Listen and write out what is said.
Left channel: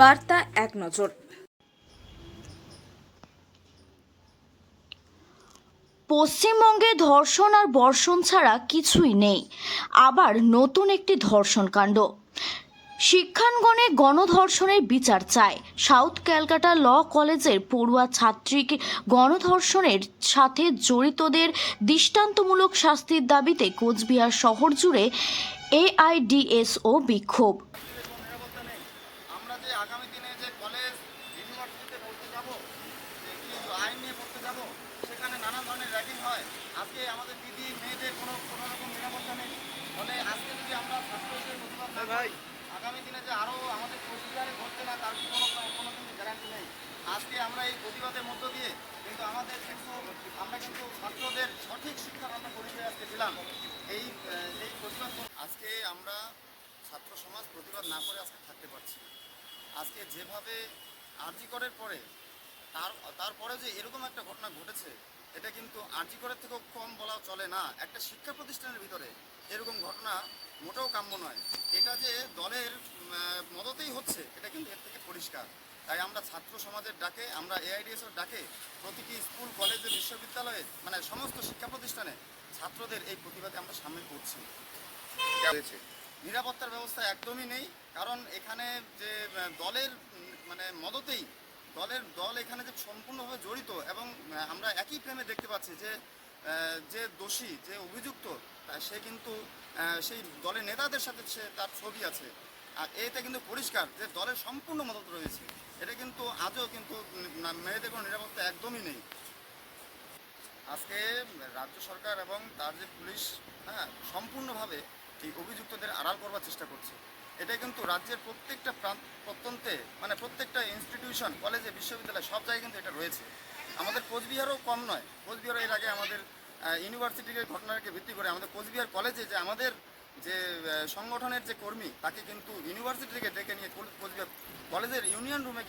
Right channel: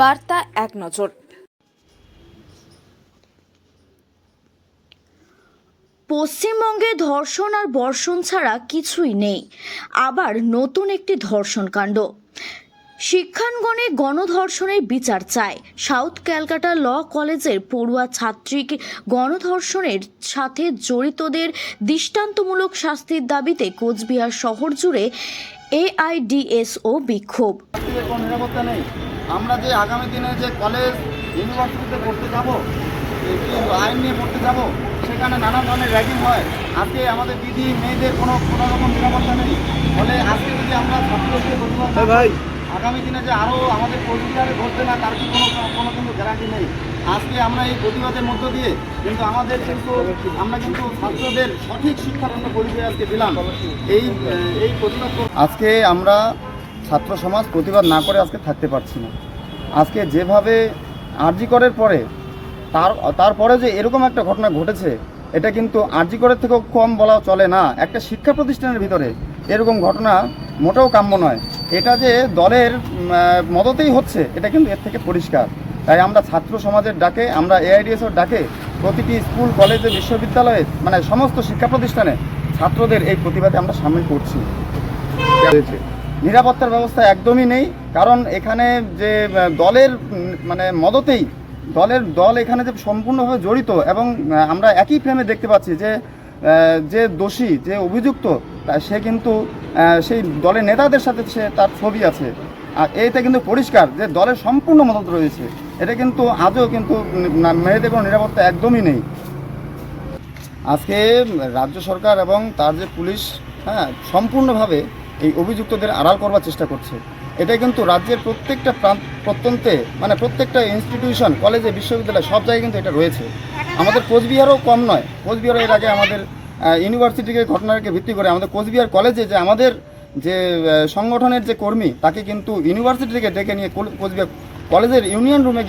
বার্তা এক নজর। পশ্চিমবঙ্গে ধর্ষণ আর বর্ষণ ছাড়া কিছুই নেই, আবার নতুন একটি ধর্ষণ কাণ্ড। শিক্ষাঙ্গনে গণধর্ষণের বিচার চায়। সাউথ ক্যালকাটা ল কলেজের পড়ুয়া ছাত্রীকে গণধর্ষণের সাথে জড়িতদের দৃষ্টান্তমূলক শাস্তির দাবিতে কোচবিহার শহর জুড়ে এআইডিএসও বিক্ষোভ। নিরাপত্তা নেই। আমরা যে আগামী দিনে যে কলেজ ইউনিভার্সিটিতে পড়তে যাব, আইন নিয়ে পড়তে যাব, সেখানে নানা ধরনের র্যাগিং হয়। আজকে আমাদের দিদি মেয়েদের কোনো রকম নিরাপত্তা নেই। ফলে আজকে যদি আমরা ছাত্রদের প্রতিবাদ, আগামী দিনে যে আরও আমাদের কোচবিহারে ঘটবে না তার কি কোনো কিন্তু গ্যারান্টি নেই। আজকে আমরা এই প্রতিবাদের মধ্য দিয়ে কিন্তু আমরা কিন্তু ছাত্রদের সঠিক শিক্ষার জন্য পরিচয় আজকে দিলাম। এই প্রতিবাদ আজকে আমরা ছাত্র সমাজ প্রতিবাদ না করে আজকে থাকতে পারছি না। আজকে যেভাবে আরজি করের পরে তারপরে যে এরকম একটা ঘটনা ঘটেছে, এটা কিন্তু আরজি করের থেকেও কম বলা চলে না। একটা শিক্ষা প্রতিষ্ঠানের ভিতরে এরকম ঘটনা মোটেও কাম্য নয়। এটা যে দলের মদতেই হচ্ছে, এটা কিন্তু এর থেকে পরিষ্কার। তাই আমরা ছাত্র সমাজের ডাকে, আমরা এআইডিএসের ডাকে প্রতিটি স্কুল, কলেজে, বিশ্ববিদ্যালয়ে, মানে সমস্ত শিক্ষা প্রতিষ্ঠানে ছাত্রদের এই প্রতিবাদে আমরা সামিল করছি। নিরাপত্তার ব্যবস্থা একদমই নেই, কারণ এখানে যে দলের মদতেই দল এখানে যে সম্পূর্ণভাবে জড়িত, এবং আমরা একই ফ্রেমে দেখতে পাচ্ছি যে দোষী, যে অভিযুক্ত, সে কিন্তু সেই দলের নেতাদের সাথে তার ছবি আছে। আর এইটা কিন্তু পরিষ্কার যে দলের সম্পূর্ণ মদত রয়েছে। এটা কিন্তু আজও কিন্তু মেয়েদের কোনো নিরাপত্তা একদমই নেই। আজকে রাজ্য সরকার এবং তার যে পুলিশ সম্পূর্ণভাবে এই অভিযুক্তদের আড়াল করবার চেষ্টা করছে। এটা কিন্তু রাজ্যের প্রত্যেকটা প্রত্যন্তে, প্রত্যেকটা ইনস্টিটিউশন, কলেজে, বিশ্ববিদ্যালয়, সব জায়গায় কিন্তু এটা রয়েছে। আমাদের কোচবিহারও কম নয়। কোচবিহারও এর আগে আমাদের ইউনিভার্সিটিকে ঘটনাকে ভিত্তি করে আমাদের কোচবিহার কলেজে যে আমাদের যে সংগঠনের যে কর্মী, তাকে কিন্তু ইউনিভার্সিটি থেকে ডেকে নিয়ে কোচবিহার কলেজের ইউনিয়ন রুমে